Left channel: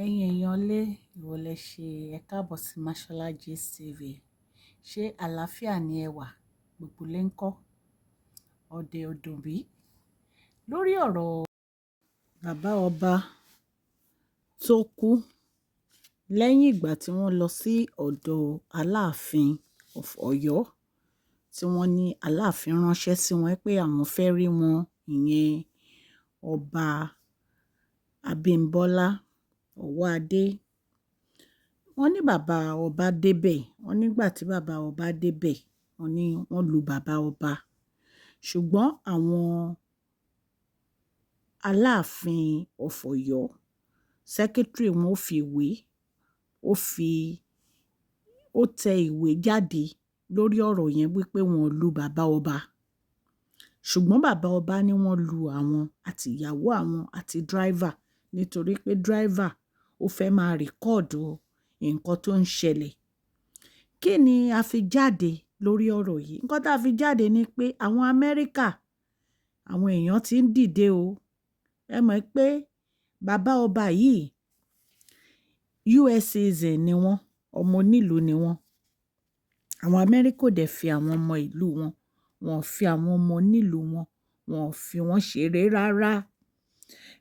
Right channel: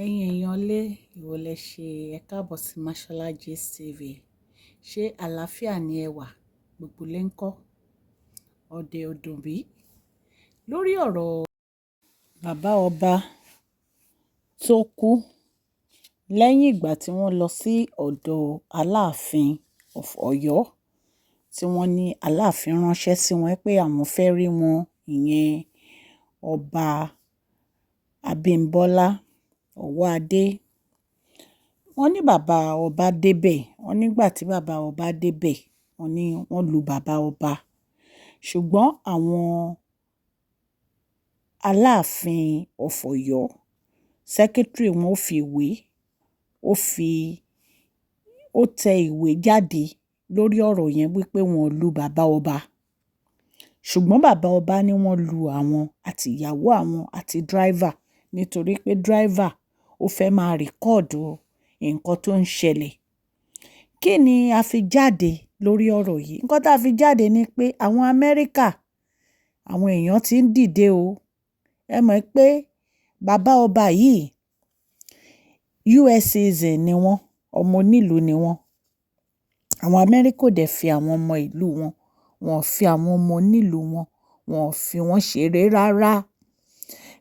Ẹ̀yin èèyàn lé ìwọ lẹ ṣe ẹ káàbọ̀ sí Mashola Gist TV. Ṣé àlàáfíà ni ẹ wà? Gbogbo lé ń kọ́ ọdẹ ọdún bí? Lórí ọ̀rọ̀ bàbá ọba tó kú lẹ́yìn ìgbà tí wọ́n lọ sí ọ̀dọ̀ Aláàfin of Ọ̀yọ́ tí wọ́n ní Aláàfin ránṣẹ́ sí wọn pé àwọn fẹ́ rí wọn, ìyẹn ọba Abímbọ́lá Ọwọ́adé. Wọ́n ní bàbá ọba débẹ̀. Wọ́n nígbà tí bàbá ọba débẹ̀, wọ́n ní wọ́n lu bàbá ọba. Ṣùgbọ́n àwọn Aláàfin of Ọ̀yọ́, secretary wọn ó tẹ ìwé jáde lórí ọ̀rọ̀ yẹn wípé wọ́n lu bàbá ọba. Ṣùgbọ́n bàbá ọba ní wọ́n lu àwọn àti ìyàwó àwọn àti driver nítorí pé driver ó fẹ́ máa rìkọ́ọ̀dù nǹkan tó ń ṣẹlẹ̀. Kí ni a fi jáde lórí ọ̀rọ̀ yìí? Nǹkan tá a fi jáde ni pé àwọn Amẹ́ríkà, àwọn èèyàn ti ń dìde o. Ẹ mọ̀ pé bàbá ọba yìí US citizen ni wọ́n, ọmọ onílùú ni wọ́n. Àwọn Amẹ́ríkà ò dẹ̀ fi àwọn ọmọ ìlú wọn, wọn ò fi àwọn ọmọ onílùú wọn, wọn ò fi wọ́n ṣeré rárá.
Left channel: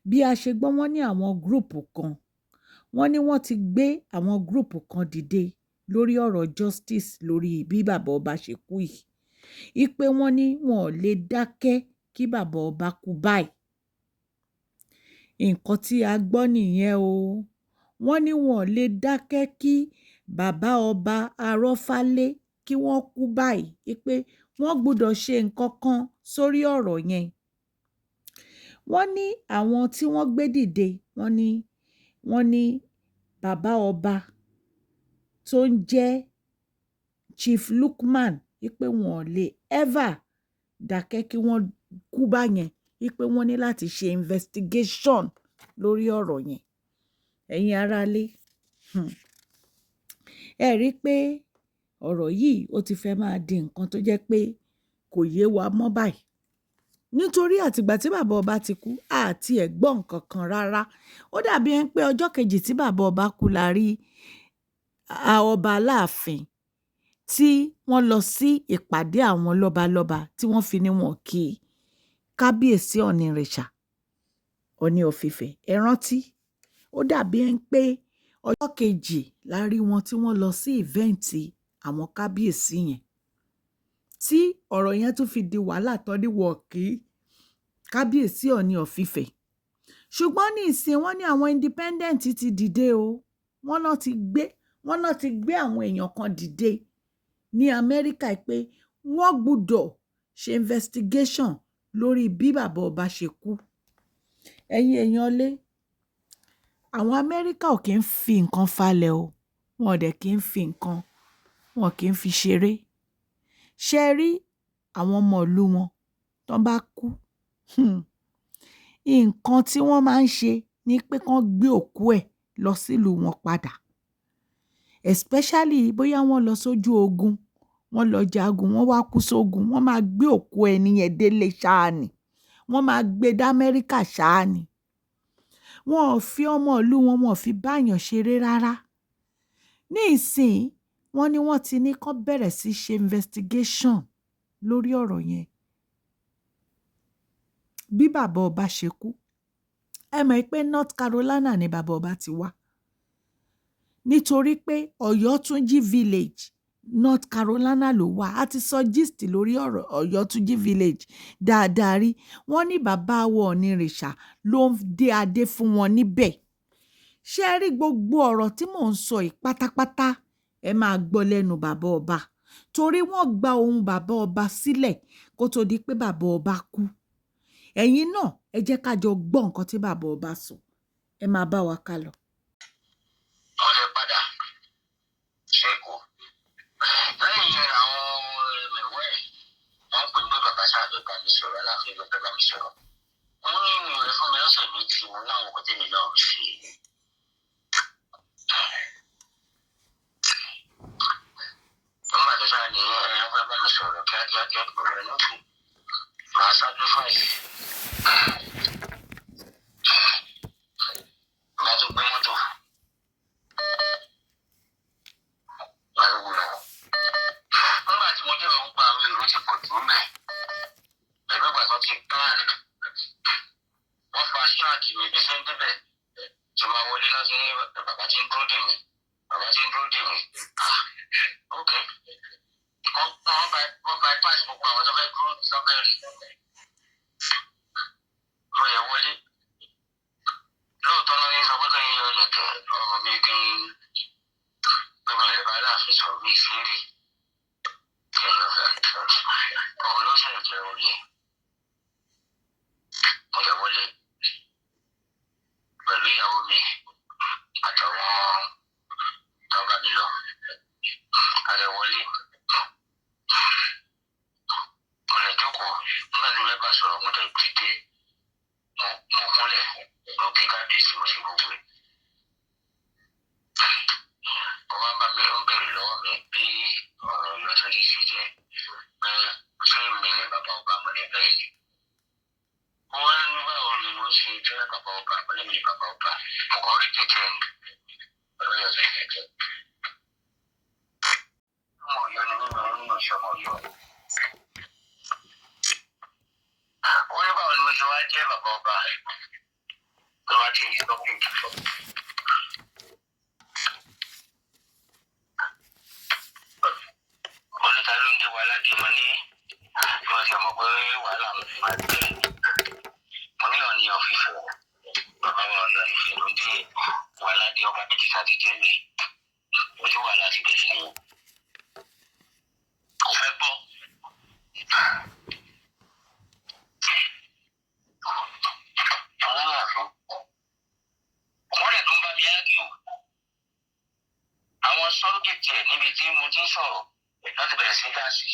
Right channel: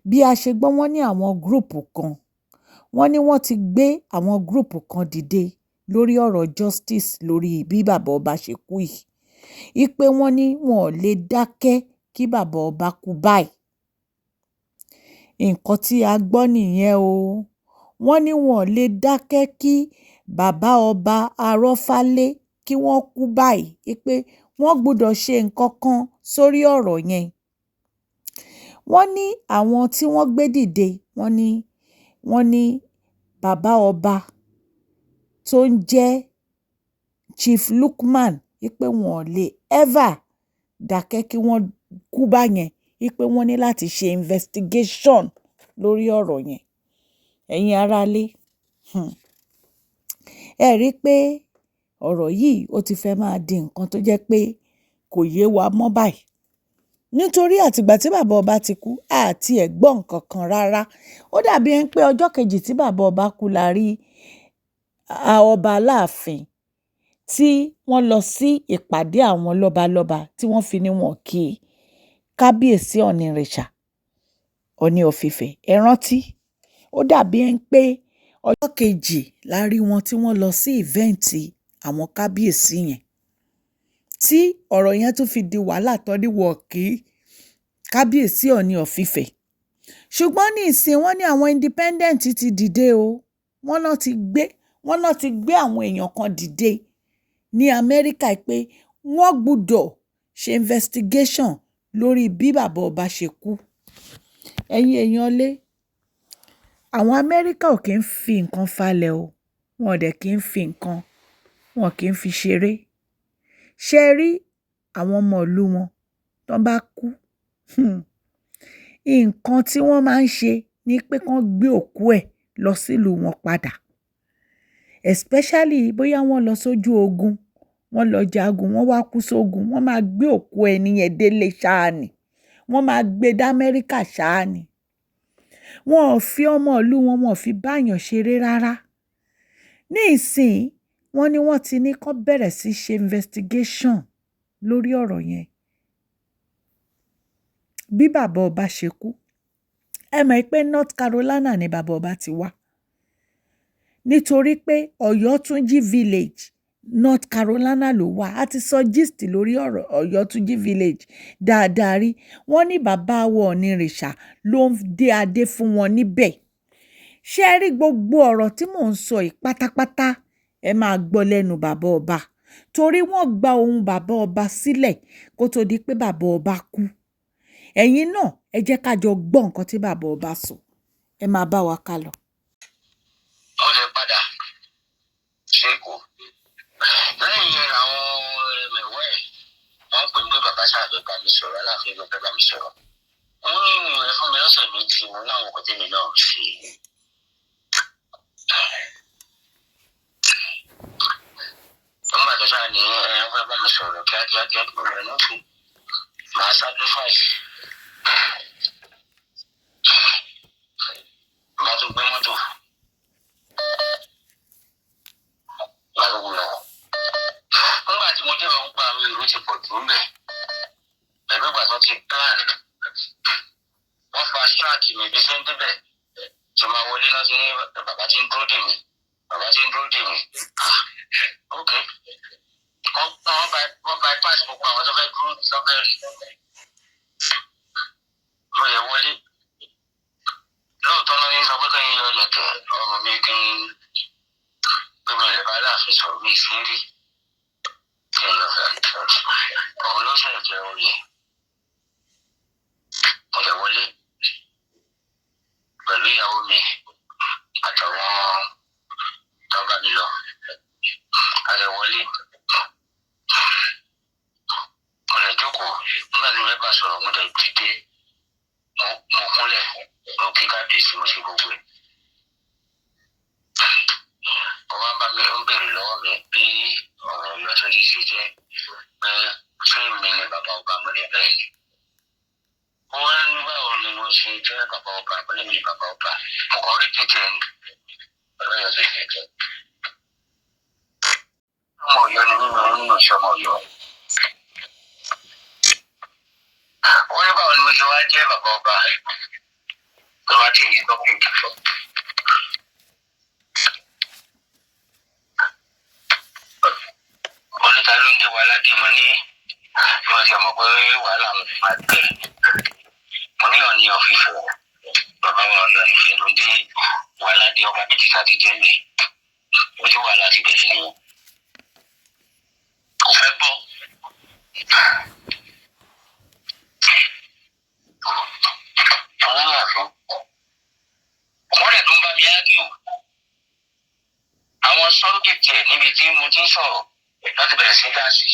Bí a ṣe gbọ́, wọ́n ní àwọn gúrùpù kan, wọ́n ní wọ́n ti gbé àwọn gúrùpù kan dìde lórí ọ̀rọ̀ justice lórí bí bàbá ọba ṣe kú yìí. Ipe wọ́n ní wọn ò lè dákẹ́ kí bàbá ọba kú báyìí. Nǹkan tí a gbọ́ nìyẹn o. Wọ́n ní wọn ò lè dákẹ́ kí bàbá ọba Arọ́fálé kí wọ́n kú báyìí. Ipe wọ́n gbọdọ̀ ṣe nǹkan kan sórí ọ̀rọ̀ yẹn. Wọ́n ní àwọn tí wọ́n gbé dìde, wọ́n ní bàbá ọba tó ń jẹ́ Chief Lukman, wípé wọn ò lè ever dákẹ́ kí wọ́n kú báyẹn, wípé wọ́n ní láti ṣe investigation lórí ọ̀rọ̀ yẹn. Ẹ̀yin aráalé, ẹ rí i pé ọ̀rọ̀ yìí ó ti fẹ́ máa di nǹkan tó jẹ́ pé kò yé wa mọ́ báyìí. Nítorí àtìgbà tí bàbá ọba ti kú, àti ẹ̀ gbọ́ nǹkan kan rárá. Ó dàbí ẹni pé ọjọ́ kejì tí bàbá ọba kú la rí ọba Aláàfin tí wọ́n lọ sí ìpàdé àwọn lọ́balọ́ba tí wọ́n fi ní wọn kí kábíyèsí Ọ̀nìrìṣà, Ọ̀ọ̀ni of Ifẹ̀. Ẹ rántí? Ó dàbí ẹni pé ọjọ́ kejì la rí wọn tí wọ́n lọ sí ìvẹ́ǹtì àwọn kábíyèsí yẹn. Tí ọ̀rọ̀ yẹn tún fi di wàhálà tán ní wọn kí kábíyèsí Ọ̀ọ̀ni of Ifẹ̀. Ṣùgbọ́n ní ìsìn wọ́n ní àwọn independent ti dìde o. Wọ́n náà ti gbé àwọn èèyàn kan dìde ní Amẹ́ríkà pé wọ́n gbọdọ̀ ṣe investigation lórí bí bàbá ọba ṣe kú. Ẹ̀yin èèyàn lé, àwọn Amẹ́ríkà ò kí ń fi nǹkan falẹ̀ o. Wọn ò dẹ̀ kí ń fi nǹkan, wọn kì í fi ṣeré. Ṣé ẹ rí àwọn ọmọ ìlú wọn tó bá kú? Nǹkan tí wọ́n máa ń ṣe ni pé kán gbé òkú ẹ̀ lọ sílùú wọn padà. Especially bóyá wọ́n lọ sójú ogun, wọ́n lọ jagun, wọ́n wá kú sógun, wọ́n máa gbé òkú ẹni yẹn délé ṣáá ni. Wọ́n máa gbé dá Amẹ́ríkà ṣáá ni. Wọn ò fi ọmọ ìlú wọn, wọn ò fi báyàn ṣeré rárá. Ní ìsìn, wọ́n ní wọ́n ti ní kán bẹ̀rẹ̀ sí ṣe investigation lórí ọ̀rọ̀ yẹn. Bí bàbá ọba ṣe kú. Ẹ mọ̀ pé North Carolina ni bàbá ọba ti wá. Nítorí pé Ọ̀yọ́túnjí village, North Carolina ló wà. A ti sọ gist lórí ọ̀rọ̀ Ọ̀yọ́túnjí village dáadáa rí. Wọ́n ní bàbá wọn Ọ̀nìrìṣà ló ń dé adé fún wọn níbẹ̀. Ṣé ẹ rí gbogbo ọ̀rọ̀ tí mò ń sọ yìí pátápátá? Ẹ máa gbọ́ lẹ́nu bàbá ọba. Torí wọ́n gba ohun bàbá ọba sílẹ̀ kó tó di pé bàbá ọba kú. Ẹ̀yin náà, ẹ jẹ́ ká jọ gbọ́ nǹkan tí bàbá ọba sọ. Ẹ máa bá wa ká lọ. Mo lè padà ṣe Èkó. Lẹ́yìn yẹn àwọn ẹ̀mẹ̀wẹ́ wọ́n pè mí bàbá sáàbẹ̀ bá mi sọ̀rọ̀, Aláàfin ló fẹ́ bá mi sọ̀rọ̀. Wọ́n ní ìwé fún mi lọ́sẹ̀ méjì, mo láwọn ọkọ̀ tẹ́mi náà ṣe. Wọ́n bàtọ́ sáà ní fẹ́ bá mi sọ̀rọ̀ kíákíá rẹ̀ náà fún màá sacrifice. Bá tó gbé mọ́tò débẹ̀ tí máa wọlé náà sí bàbá tí ń dúró dè mí. Ok. Wọ́n bypass gbogbo àwọn tó fẹ́ dúró lọ́kẹ́rì. Mo lè wọlé. Lóòótọ́ náà ní sọ pé kẹ́yìn yọ ilẹ̀kẹ̀ ọmọ mi kí n gbé ilẹ̀ bá láàfin sọ̀rọ̀ mi sí rí. Kí n lọ fẹ́ òun ló ṣe jẹ oyè. Mo lè wọlé pẹ̀lú ìyàwó mi àtàwọn tó bá mi lọ. A lè wọlé. Mo lè jókòó nígbà tí mo fẹ́ bá sọ̀rọ̀ mo lè dìde. Mo kúnlẹ̀ mo kí kábíyèsí mo ṣe gbogbo ẹ̀. Wọ́n bá mi ń bèrè lọ́wọ́ mi bí ọ̀rọ̀ ìlọsọ́jú ṣe jẹ́ pé ṣé mi ni bàbá ọba mo ní bẹ́ẹ̀ ni. Wọ́n ní báwo ni mo ṣe jẹ́ bàbá ọba mo ní mi bàbá ọba. Mo kàn rí kíkẹ́ ni ọlọ́yọ̀ ṣe kíkẹ́. Ọmọ Ọ̀yọ́ ni mímọ nínú iṣẹ́ ọmọ Ọ̀yọ́. Wọ́n ní báwo ni mo ṣe wá jẹ́ bàbá ọba tó wá tí ìyẹn lọ́kùn ìkìlọ̀. Wọ́n ní ta ló ń dé wa ládé mo ní wọ́n ti mọ̀ pé wàhálà mo fi máa gbé. Mo ní Ọọ̀ni ọ̀fìfẹ́ bàbá wa Ọọ̀ni ọ̀fìfẹ́ ló ń dé wa ládé ọba méjì sáti jẹ́ mi. Ojú wàhálà ti bẹ̀rẹ̀ ni kò fẹ́ gbọ́. Àwọn àfọ wọ́n dẹ̀ tó ń bá mi ágíò. Àwọn sọ́rọ́gẹ̀tì ẹ̀ níbi tí mo ti ń sọ̀rọ̀ láti bẹ̀rẹ̀ sí gáàsì.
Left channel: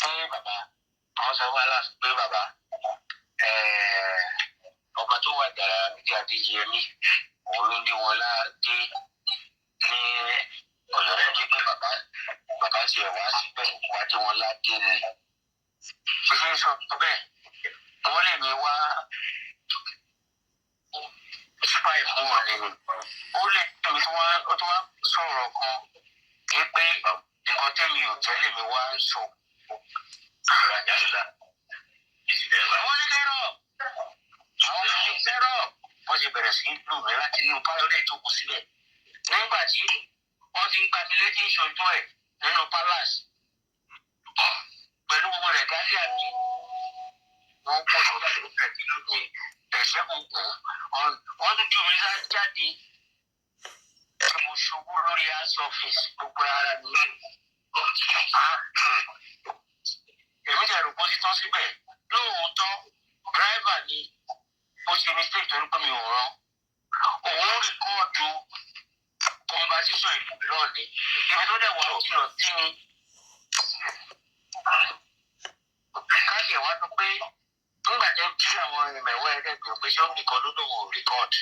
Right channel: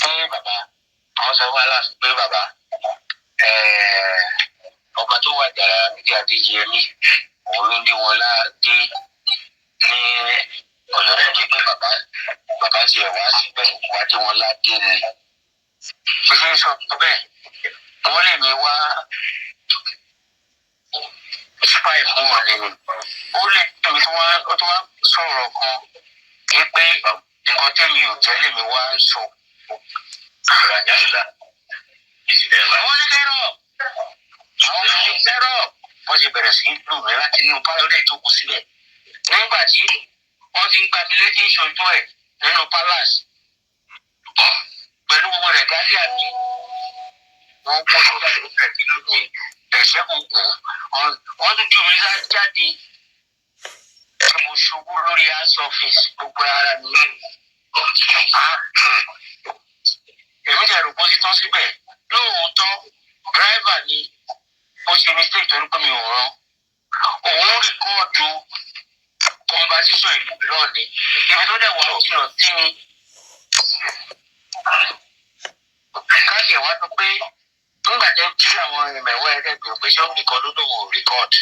Pé bàbá àwọn sọ wá láti pé bàbá ọba tó wà jàrá níbi Adéyẹmí òun ló ń dé wọn ládé ní Ọ̀yọ́ náà pé bàbá ti ẹ̀ wá síbẹ̀ wá dé wọn ládé ni. Bí ṣe ń sọ bẹ́ẹ̀ wọ́n lè mi wá spy fún wọn nínú. Ó lè tóbi tí wọ́n sọ̀rọ̀ kan pé nǹkan tẹ́mi ò jẹ́ lèmi wá ń sọ. Wọ́n ní kẹ́rọ̀ àwọn ọmọ ní kẹ́rọ̀ wọ́n ti bẹ̀rẹ̀ sí lù mí láti inú pálọ́dẹ̀ tó kù sílẹ̀. Nígbà tí wọ́n ti ń gbatilé tí ń ṣojú ẹ̀ nínú palace pẹ̀lú gbogbo rẹ̀ gálí àmì wọ́n gbọ́ sódà ló fẹ̀ kí ló dé ẹ̀ṣẹ́ kò kù wọ́n tún jù mí jáde tí mo ṣubú lórí house office gbogbo ara mi. Èmi jẹ́ rògbò ti tán síbẹ̀ lóòótọ́ driver ni ó ṣe mistake torí pé mi ò rán òun rìkọ́ọ̀dù conversation ìlú lọ́ọ̀ni ibi tó dẹ̀ wà jìnnà sí ni. Káṣí ẹ̀ wá sọ pé nígbà tó kí àwọn ìmẹ̀wọ́ ẹ̀ẹ́dẹ́gbẹ̀ẹ́ pé ṣé ó nìkan ló lòun ò rìkọ́ọ̀dù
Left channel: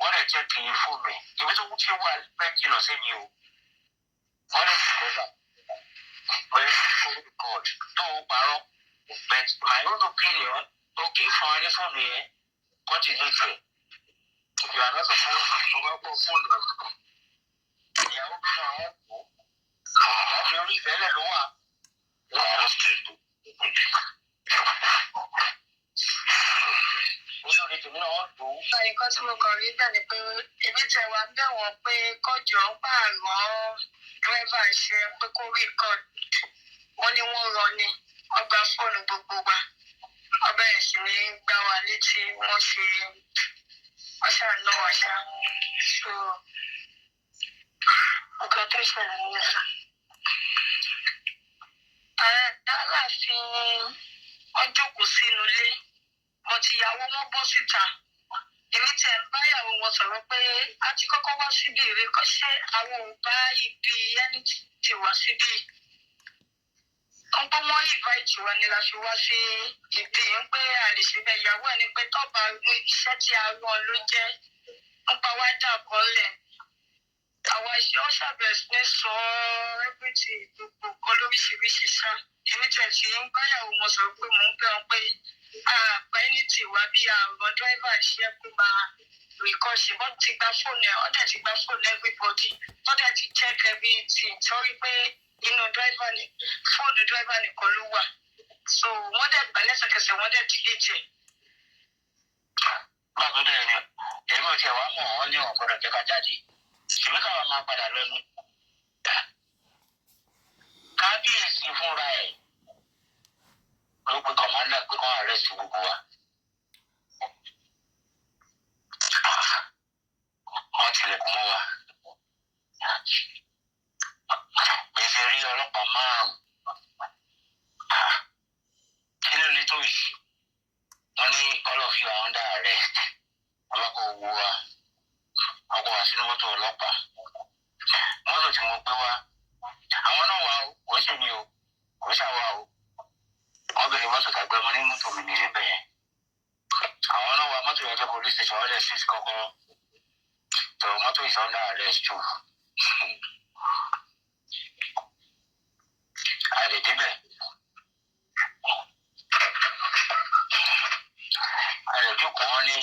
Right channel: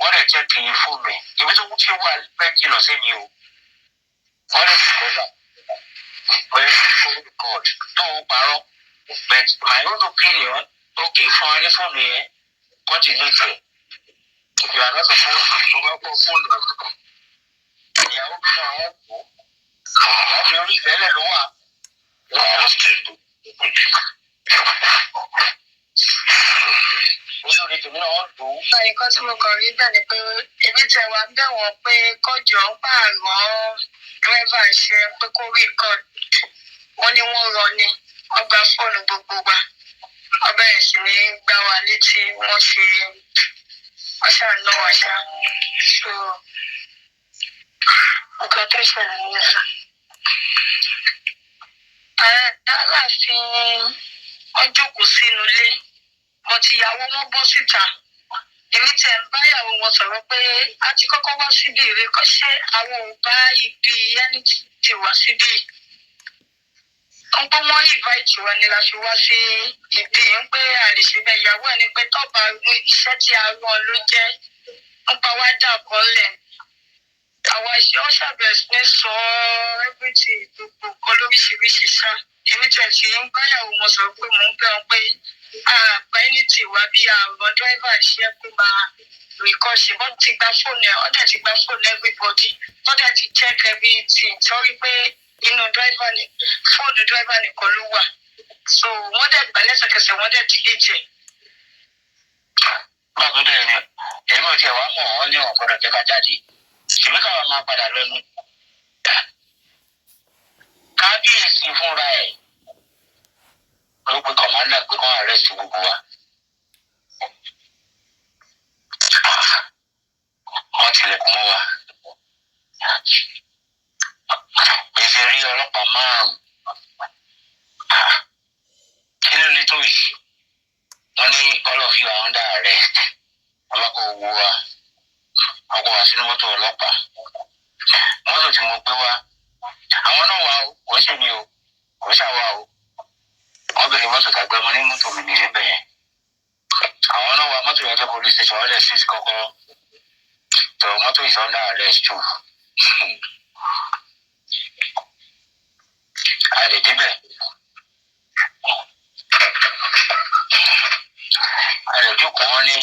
wọ́n dẹ̀ jẹ́ kí n fún mi ibi tó ti wà pẹ́ jìnnà sí mi o wọ́n dẹ̀ sì kọ́jà pé ó rìkọ́ọ̀dù tó ń parọ́ but my own opinion okay fún wa ní fóònù yẹn wọ́n ti ní ìfẹ́ ìyàrá sọ fún mo bá gbọ́ fóònù ìyàwó mi náà wọ́n kú ìyá mi orí ìfẹ́lẹ̀ ló wà wọ́n ti tó. Nǹkan tí mo kàn rí bẹ́ẹ̀ ni pé ebi tẹ wá bẹ̀ wọ́n pé kọjọ ń pààrọ̀ dírẹ́fà ṣe pé kó rí kọ́ọ̀dù wọ́n ní wọ́n rọ ni wọ́n gba fóònù gbogbo wa wọ́n bẹ̀rẹ̀ sí ní gbá wa létí wọ́n ṣàná wa ṣá so nǹkan tó ṣẹlẹ̀ nìyẹn sá. Aláàfin wọ́n jókòó sínú ilé wọ́n ti yàwó wọn bọ́ síta èmi tẹ̀ ń báyàwó wọn sọ̀rọ̀ pé a ti kọ́kọ́ wá síbi ìrékọ́ ṣé àwọn ò bá ibi ẹni tí wá síbi wọ́n pé wọ́n invite wa ni la fi wá sí ibi ń pé àlèṣe bẹ́ẹ̀ ìyàwó ẹni pé tọ́ba iṣẹ́ tí a rán ló jẹ́ ń pa wá dà bọ́lẹ̀ àwa iṣẹ́ ó ṣàbẹ̀sí ní sọ everything gbogbo kan lóríṣiríṣi sá èmi tẹ̀ sí ń báyàwó wọn sọ̀rọ̀ pé mò ń bẹ̀ wọn pé àgbà ẹni tí wá bí àwọn dírẹ́fà iṣẹ́ pé máa rìkọ́ṣe wọ́n ti gba fóònù ẹ̀ wọ́n dẹ̀ ti gba fóònù everybody wọ́n dẹ̀ ti check everything torí pé inú fóònù dírẹ́fà nìkan ló wà so wọ́n dẹ̀ gbà lẹ́sẹ̀kẹsẹ̀ wọ́n dẹ̀ delete ẹ̀ Báwo dẹ̀ ni èmi ò tiẹ̀ wá mọ̀ wọ́n ní ọ̀gbọ́dọ̀ jẹ́ ká jáde. Ṣèbí káwa máa padà lọ ní. Kábíyèsí fúnra ẹ̀ ló pe kọ̀mọ́ndà pé kán àrẹ́sì gbogbo wa. Wọ́n tilẹ̀kùn mọ́ wa. Èsì rí ọlọ́pàá 5. Kí ló lè tó yìí? Wọ́n ní all of you are under arrest. Ọlọ́pàá owó wa. Ọkọ̀ wá sínú mọ́tò ọlọ́pàá. Mọ́tò tí mo gbé wá. Àwọn náà wà ó, kò ṣe mi o, kò ṣàwà o. Wọ́n bèrè mọ́tò tàgbẹ́ mo ní mọ́tò mi nìyẹn bẹ̀yẹn. Àwọn náà wà mọ́tò yẹn tó police station wọ́n lẹ̀ sí kọ́kọ́rọ́. So mọ́tò is under arrest too. A lè débẹ̀. A lè jókòó wọn ní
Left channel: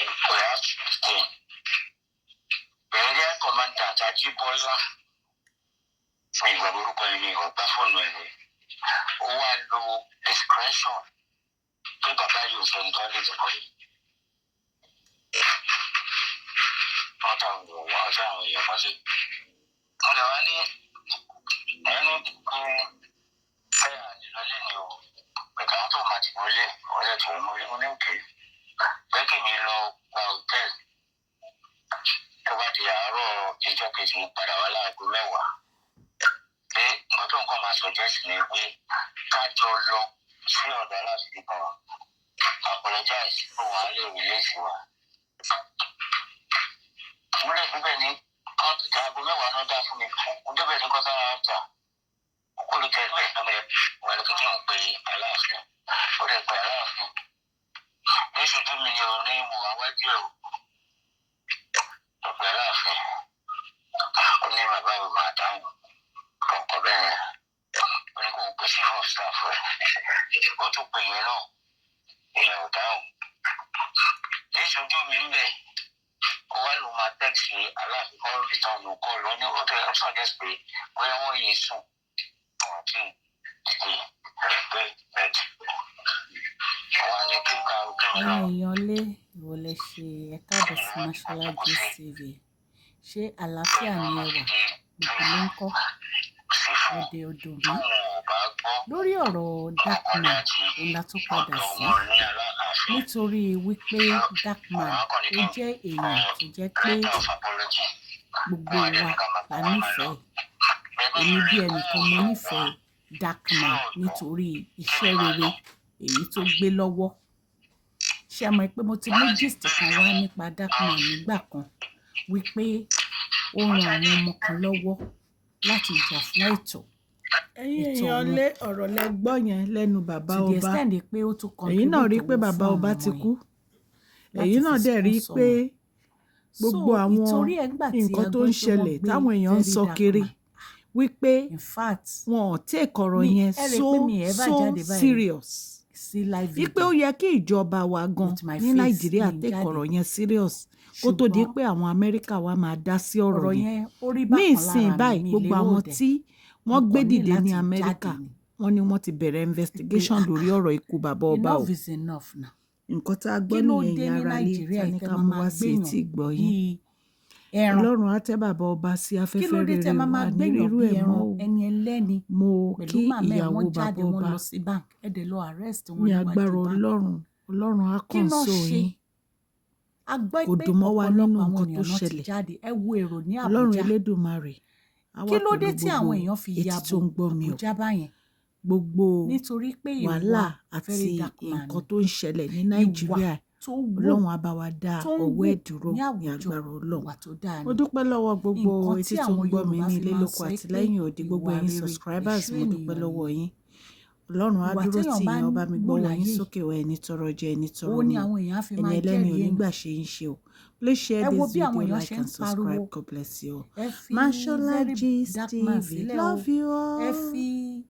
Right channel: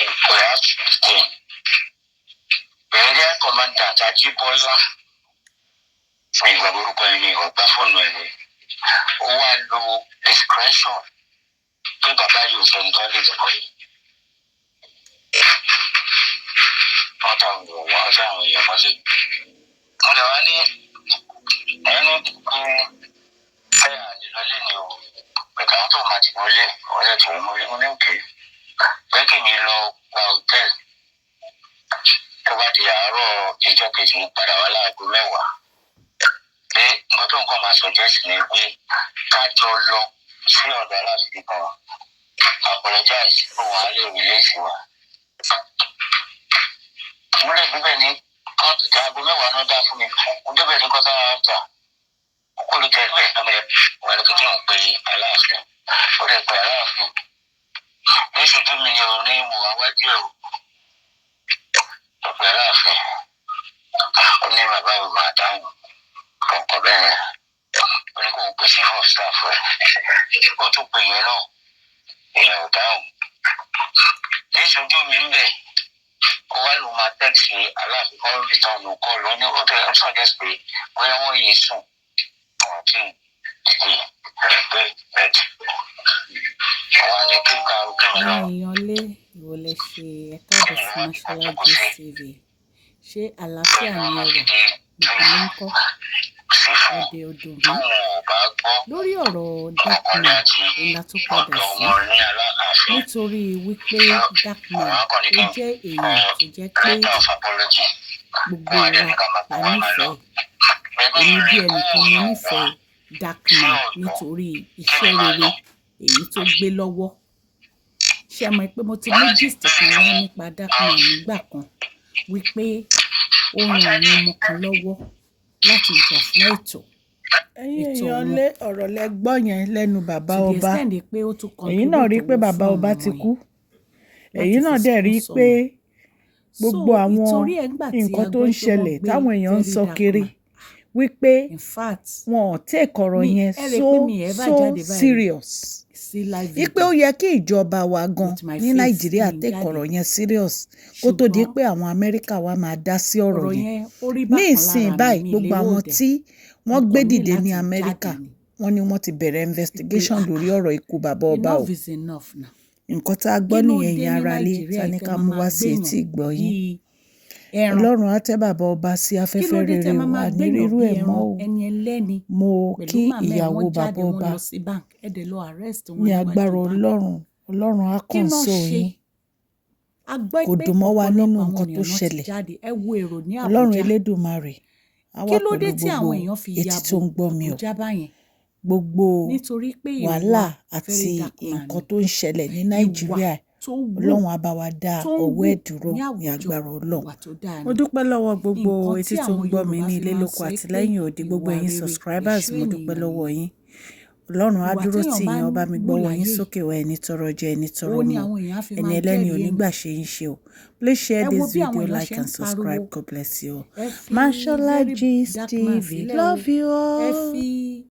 Ìkòyà State. Area Commandant Ajíbọ́lá fún ìgbà orúkọ ẹni ọgbà fóònù ẹni. Ó wá lo discretion pé bàbá yóò fẹ́ nǹkan lè dìbò yìí. Wọ́n tàn ń wọ̀ wọ́n fẹ́ àwọn èèyàn mọ́lé. Wọ́n lè wá ní ẹni kú fẹ́ àdìlọ́lé ni o. Pẹ̀ka wọn tó máa ti wọlé ọ̀rẹ́ tó ń wọlé ní òkè. Pé kí mi lọ gba hòtẹ́ẹ̀lì. Tó bá di àárọ̀ ìjọ kejì mo padà wá láago 10. Pé nǹkan tó nǹkan máa suggest ni pé ká jọ lọ sí ọ̀dọ̀ aláàfin kan. Apologize fún wa lè release wa. Mo lè gbígbẹ́ ní aago 10 náà dá fún mi. Mo débẹ̀ ní kọ́tà áńtà. Olùtẹ̀ ẹgbẹ́ ìpínlẹ̀ wà lókè tí wọ́n pe aláàfin. Ó lè pe aláàfin. Ní ìṣojú mi ni òun ní mo àwájú ẹ̀ o. Ó pe aláàfin. Ó ní bàbá mi máa dáhùn. Ọkọ̀ bẹ́ẹ̀ ó ní kó o pe chief of staff rẹ̀. Ó tún pe yẹn náà. Èèyàn ò dáhùn. Ní ìṣojú mi ń bẹ̀. Ó wá lò máa tẹ́ẹ̀sì aláàfin kan return kọ́ lọ ní ó tẹ́ ẹ suggest pé bóyá wọ́n yìí sùn. Ọ̀tí ìdí pé bẹ́ẹ̀. Àwọn ni kí n ka òkè mi lọ. Àwọn èèyàn lé ìwọlẹ̀ ṣe ẹ̀ka àbọ̀ sí Mashola Gist TV. Ṣé àlàáfíà ni ẹ wà? Gbogbo ló ń kọ́. Èdè odò mi. Lórí ọ̀rọ̀ Darkman òun la tún padà sí. Nítorí wípé Darkman ó jẹ́ èèyàn tó jẹ́ pé gbogbo wa la nífẹ̀ẹ́. Èmi bí ẹnìkan mo nífẹ̀ẹ́ Darkman nítorí iṣẹ́ rere èyí tó gbé lọ́wọ́. Ṣé ẹ mọ̀ pé mo ti mú gist kan wá nípa Darkman nígbà kan wípé ó ran àwọn ọmọ kan lọ́wọ́ láti jà fún ẹ̀tọ́. Ẹ̀yin èèyàn lé ọ̀rọ̀ lẹ gbọ́ yẹn lẹ́nu bàbá ọba. Ẹ̀yin náà rí pé bàbá ọba ti kú. Ẹ̀yin náà dẹ̀ rí pé gbogbo àwọn nǹkan tó ń ṣẹlẹ̀ táwọn èèyàn ń sọ kiri wípé wọn ò take ọ̀rọ̀ yẹn so serious. Wípé ó yẹ kí ìjọba wa gan ní Nàìjíríà take ọ̀rọ̀ yẹn serious kó tó di pé àwọn Amẹ́ríkà wa máa dá sí ọ̀rọ̀ yẹn. Ní ìsìn báyìí gbogbo àwọn tí wọ́n gbé dìde ní Amẹ́ríkà wọ́n ní wọ́n ti bẹ̀rẹ̀ investigation lórí ọ̀rọ̀ ikú bàbá ọba o. Nǹkan tá a gbọ́ nìyẹn yẹn ara lé tá ní ká mú wá sí etí ìgbọ́ yín. Ọlọ́run á tẹ́ bàbá ọba sí afẹ́fẹ́ rere wà ní rírú ẹ̀ mọ́ o. Mo kí ìyàwó bàbá ọba ní agbára Ọlọ́run á kàn sọ yín. Kò dùn mọ́ wa nínú nǹkan tó ṣẹlẹ̀. Ọlọ́run Elédùmarè á wà pẹ̀lú gbogbo etí tó ń gbọ́ mi o. Gbogbo wàhálà àti nǹkan tó ń ṣẹlẹ̀ ní Nàìjíríà Ọlọ́run á bá wa dá ọwọ́ ẹ̀ dúró ní agbára Ọlọ́run. Mo dúpẹ́ lọ́wọ́ gbogbo etí tó ń gbọ́ mi ní ilé lóko àti lẹ́yìn odi gbogbo ẹ̀yin subscribers mo dúpẹ́ lọ́wọ́ yín. Ọlọ́run á dúró tì yín ọba mi gbọ́wọ́ yín sókè wá ẹni tọrọ jẹ ẹni tọrọ mu ẹni ẹlẹ́ni onígbà ṣe ń ṣe o. Please share this video, like and subscribe. God bless you all. Mashola Gist TV. Love you all.